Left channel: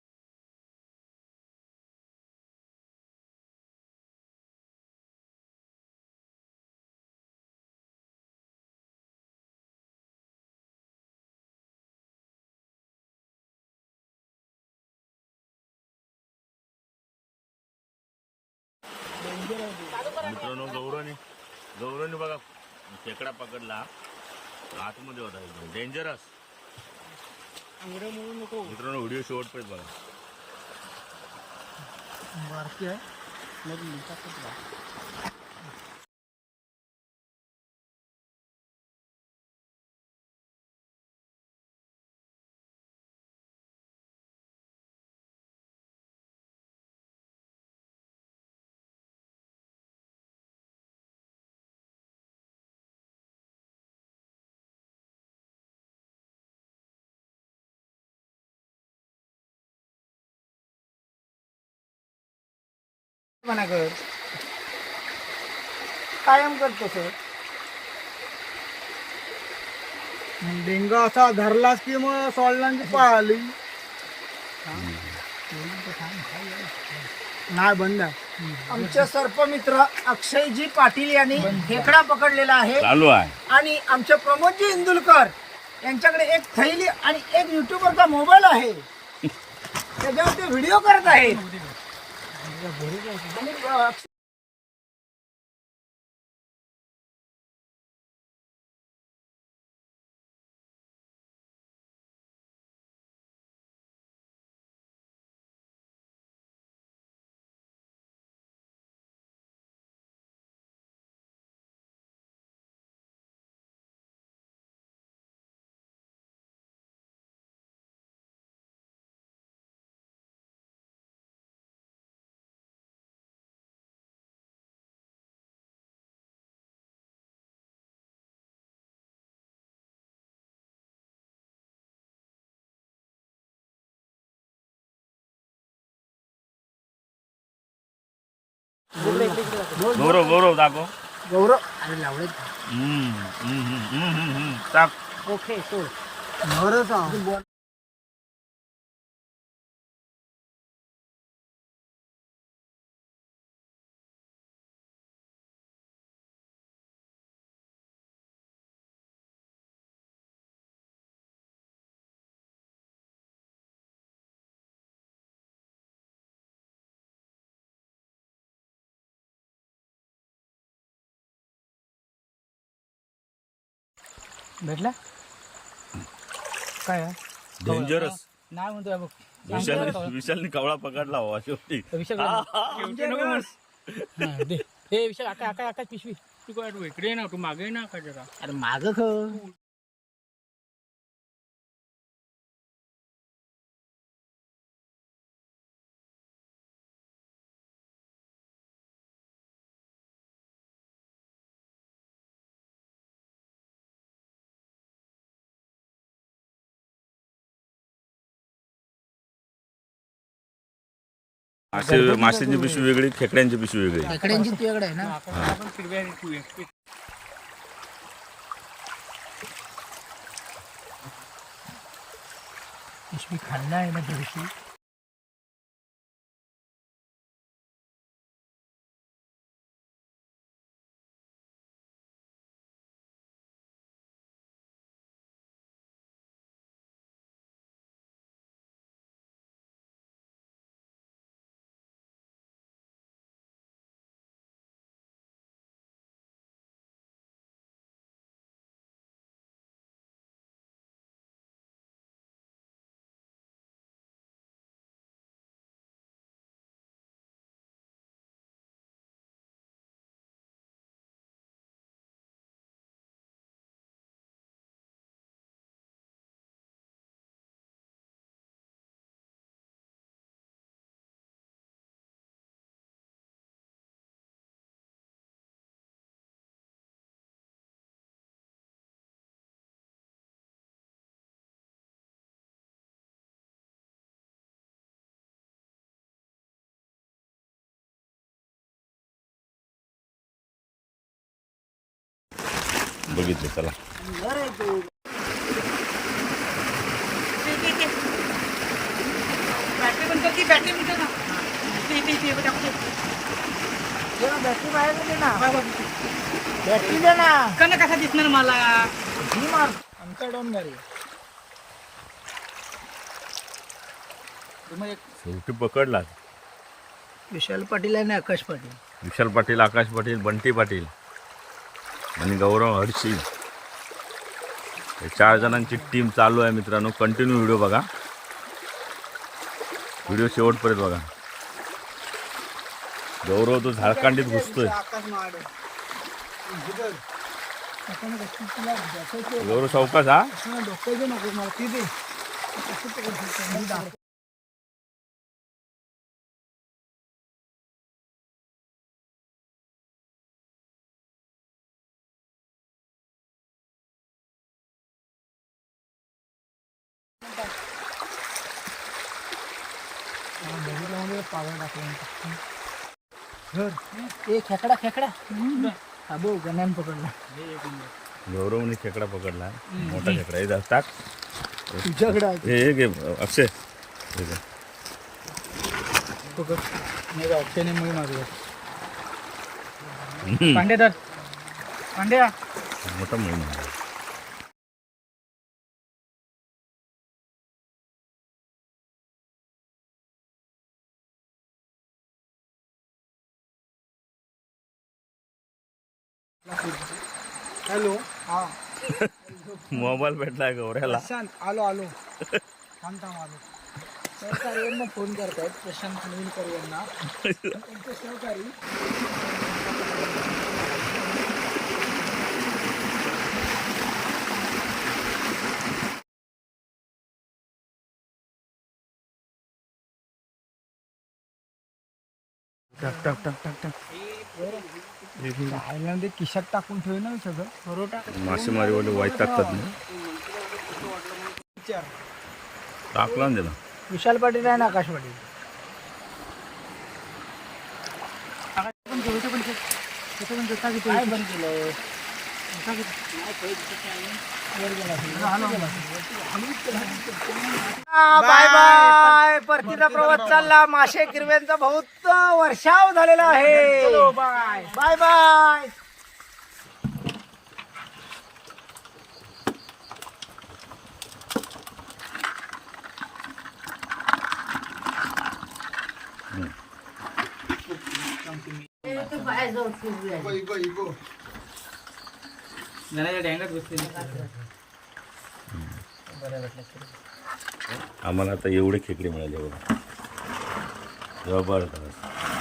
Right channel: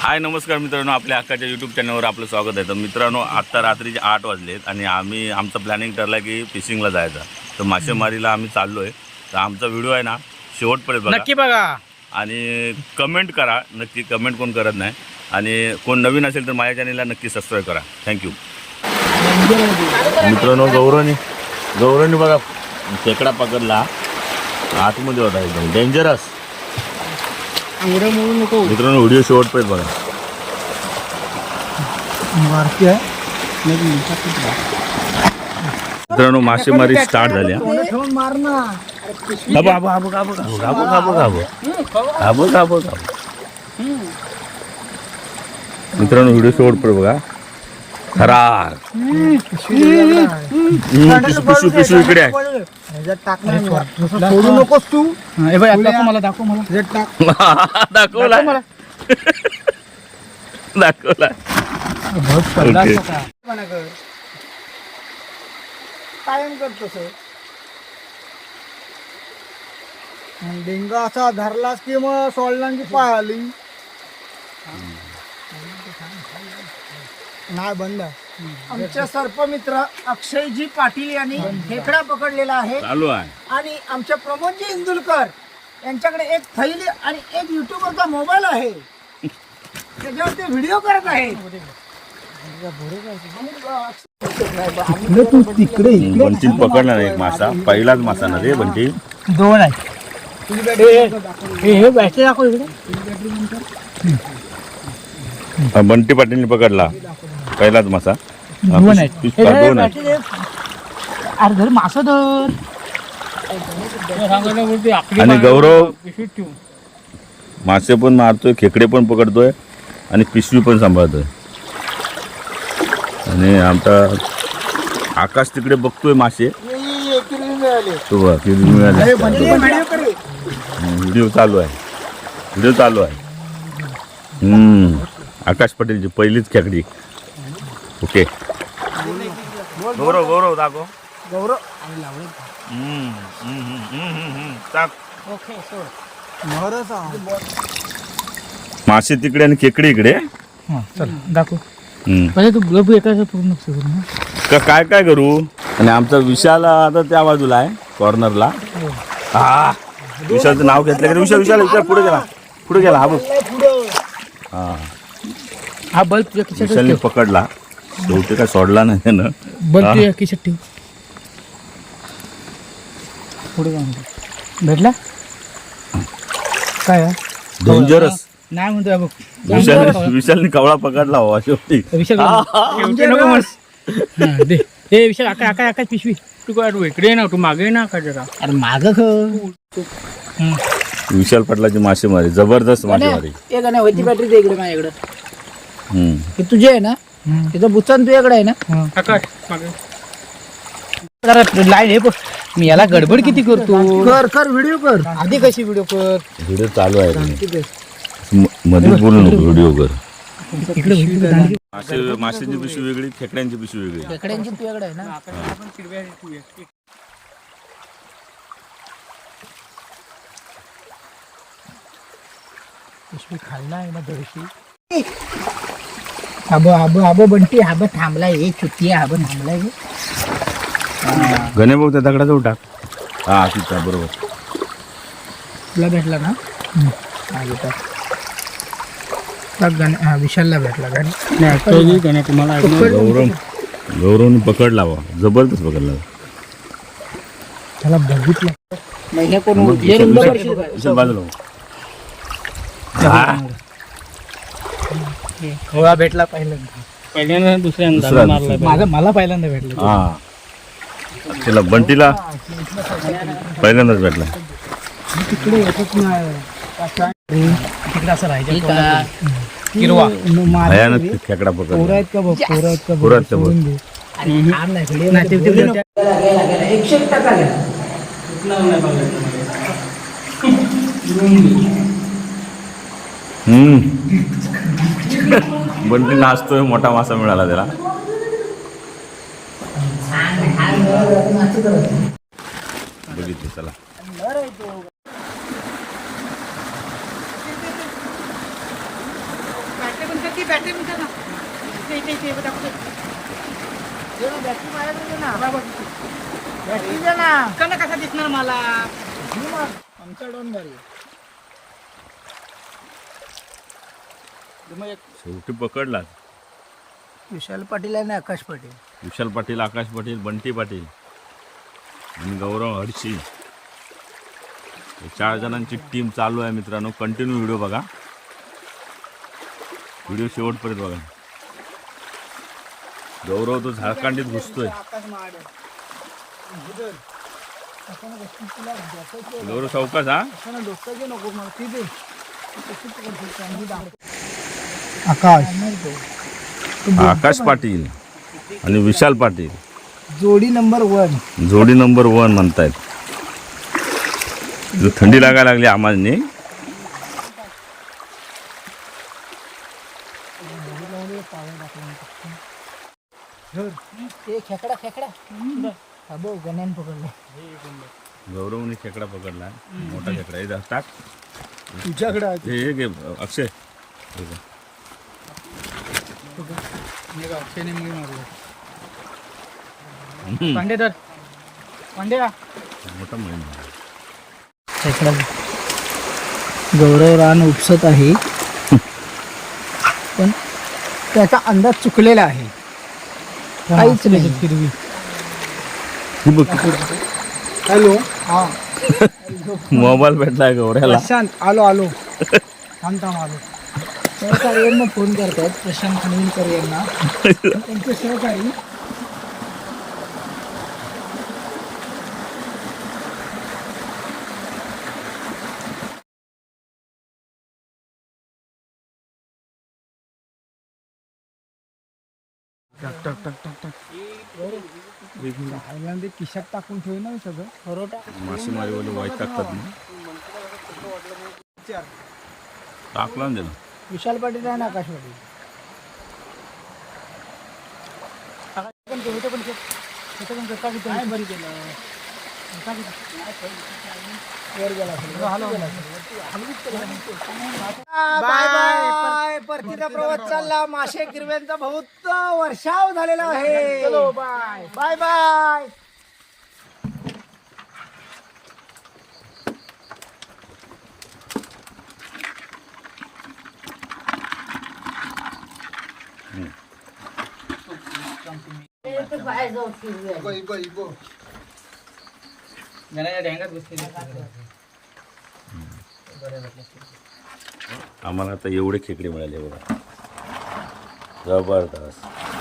हाय नमस्कार मित्रांनो आपल्या हक्काच्या यूट्यूब चॅनलवर आपलं स्वागत आहे. तर मित्रांनो आत्ता रात्रीचे आठ वाजलेत आणि आम्ही आमचं प्लॅनिंग ठरलं की फिशिंगला जायचं. तर मासेमारीला आम्ही चाललो आहे तर आमचा व्हिडिओ आहे ना शेवटपर्यंत बघा. नक्की बघा. आणि कमेंट करा. नक्की कमेंट कोण करत नाही. आणि कोण नवीन असेल तर माझ्या चॅनलला नक्की सबस्क्राईब करा. थँक्यू मित्रांनो गौरवनी गौरवनी बघा खेकडा पकडला. आतमध्ये होता एकदम. डेंजरस एवढं म्हणून नको मित्रांनो व्हिडिओ शेवटपर्यंत बघा. मारती आहे. मित्रांनो मासेमारी स्टार्ट झाली मित्रांनो व्हिडिओ शेवटपर्यंत बघा. राग इकडे सोडू नकोस तू. दाखव मला. दाखव मला. दाखवला. कर कायम करतो सर. डेंगा असा धरलास की मग सोडल्यांची पाहिली नाही बंद आमचे सर्पमित्र अक्षयजी पाटील यांनी खेकडा पकडलेला आहे. चालू आहे. आणि आमचे प्रमोदजी इंदुलकर यांच्याकडे एक थैली आणि एक युट्यूबरचा मोबाईल आहे. त्याच्यावर ते व्हिडिओ करत आहेत. आणि, तू तिकडे ना एक मासा. पहिलाच मासा ना रे बंटी दोन आहे. हे बॅटरी दाखव इकडे. हा, बंटी पाटीलने पकडला. पहिलाच मासा. हा, दोन पिश- आहेत पिशका दोन आहेत. अरे धर मासा धर. आणि गौरव मासे पण मारतोय खेकडे पण पकडतोय आणि पिशवी पण सांभाळतोय. आणि आमचा आकाश तिकडे बघतोय मासे. तो बघ, किती मिळाले. व्हिडिओ चालू आहे. व्हिडिओ चालू आहे. हम्म. आकाश पटेलची पहिलीच खेकडी. ओके. गौरव गौरव दाखव. गौरव. टाक. ओके मासे तिकडे आणि खेकडे इकडे. चल दाखव. हम्म. पहिले तू गप एकाचं पूर्ण सुरू ना का काय काय करू? आणि आमचा विशाल आता त्या बाजूला आहे कॉर्नरला हा. विशालचं नाव घेतलं की विशाल विशाल विशाल पुढे गेला. पुढे गेला हा बघ. हा. हा बल्ब तुझ्या खिशात विशालने पकडला. शेवटी काय सोडला नाही त्यानं. बल्ब हा. तुझ्या खिशात ठेव. पुढे जाऊन दे. भेटला? काय आहे? डेंजरस नाही म्हणतोय बघ विशाल विशालने कवळा पकडला हो शेवटी. विशाल बस. हा, दे. ए विशाल आका आका आका पिशवी. तू काय तू इकडे ना तू मागे ना का जरा. अरे माग विशाल पाटलाची मासेमारी. जबरदस्त मासेमारी. होती बॅटरी दे इकडे माझ्याकडे. हे तुझे आहे ना? तिथं बुचान तुझ्याकडे आहे ना? जरा लाईन हे बघ. मी याला गडबड किती करतो? कर कर व्हिडिओ कर. आधी कशी व्हिडिओ कर? व्हिडिओ चालू आहे रे. म- मध्येच बोलू नको व्हिडिओ कर. मासे माशांची पिशवी वेगळी खेकड्यांची पिशवी वेगळी. खेकड्यांची तुझ्याकडे आहे ना पिशवी खाल्ला आहे ना दर्शी आबो आबो आबो बंटी आबो थांबलाय हे चुती आबो थांबलाय हे. गणे भाऊ त्या दगडाजवळ टाक. हा तिथं बरोबर. तुला भेटला ना? हा, गाणे हा विशालला भेटला गाणे तुम्हाला गौरव गौरवने पकडला बा जबरदस्त पकडला त्याला बघितलं. मग हे कोण बघ, हे विशाल- रुंद विशाल- करशील का? विशाल बाजूला हो. हा, खोळा भेटला पहिल्यांदा. पहिल्यांदा दुसऱ्यांदा दुसऱ्या- मला पहिल्यांदा भेटला. तिला बंटीला पहिल्यांदाच भेटला. तिकडे तिकडे असं राहायचं किरवा खेकडा आहेत का बघ आहेत का आहेत का बंटी नाचतोय मोठा मासा मिळाला त्याला. बघितलं चला. बॅटरी म्हणतात ती बॅटरी म्हणतात ना बॅटरी कसा दिसणार मला आमचा डोन घरी मग एक शेवटी पकडला विशाल पाटील आणि आकाश पाटील. विशाल पाटील आकाश पाटील बंटी पाटील आणि गौरव हडशी हे चार जणांची टीम चालू आहे मित्रांनो. कंटिन्यू व्हिडिओ बघा. व्हिडिओ शेवटपर्यंत बघा. गौरव तो झारखंडीत घुसतोय. गौरव चौकाच हा? डोक्याचं नको मला? ती दे कशी पकडशील चांगली दाख. आकाश. आकाश पाटील आणि विशाल पाटील. जोडी नंबर वन. जोडी नंबर वन म्हणतायत. थंडी लागायला लागली आम्हाला गौरवने खेकडा पकडला. मोठा खेकडा टाक. तुझ्याकडे हे हे अक्षय. हे नाही मारूया. पांडे तर पांड्या मोठा आहे. खेकडा गौरव रान उपसत आहे. पण त्याचा अंदाज चुकलेला आहे. काहीच नाही. हिरवी हॅलो. हा. मोबाईल भेटलाय गौऱ्याला. प्रशांत आलो आलो. थांब थांब आलो. यांना फोन करतायत. प्रशांत खानविलकर यांना. त्यांचे सहकारी टक टक टक टक टक. आयला ते खिशात टाकून ठेव ना सगळं. बरोबर टाक मासेमारीवाले वाईट टाकतात ना. टाकला ना त्याला. विशाल पाटील आहे ना आकाश पाटील? Bye bye. परतीचा प्रवास चालला. मासे गिरव्यांचा बहुत वर्षाव झालेला आहे. Bye bye. डँगात बसलेली आम्हाला आता एवढे खेकडे मिळाले बघा. जबरदस्त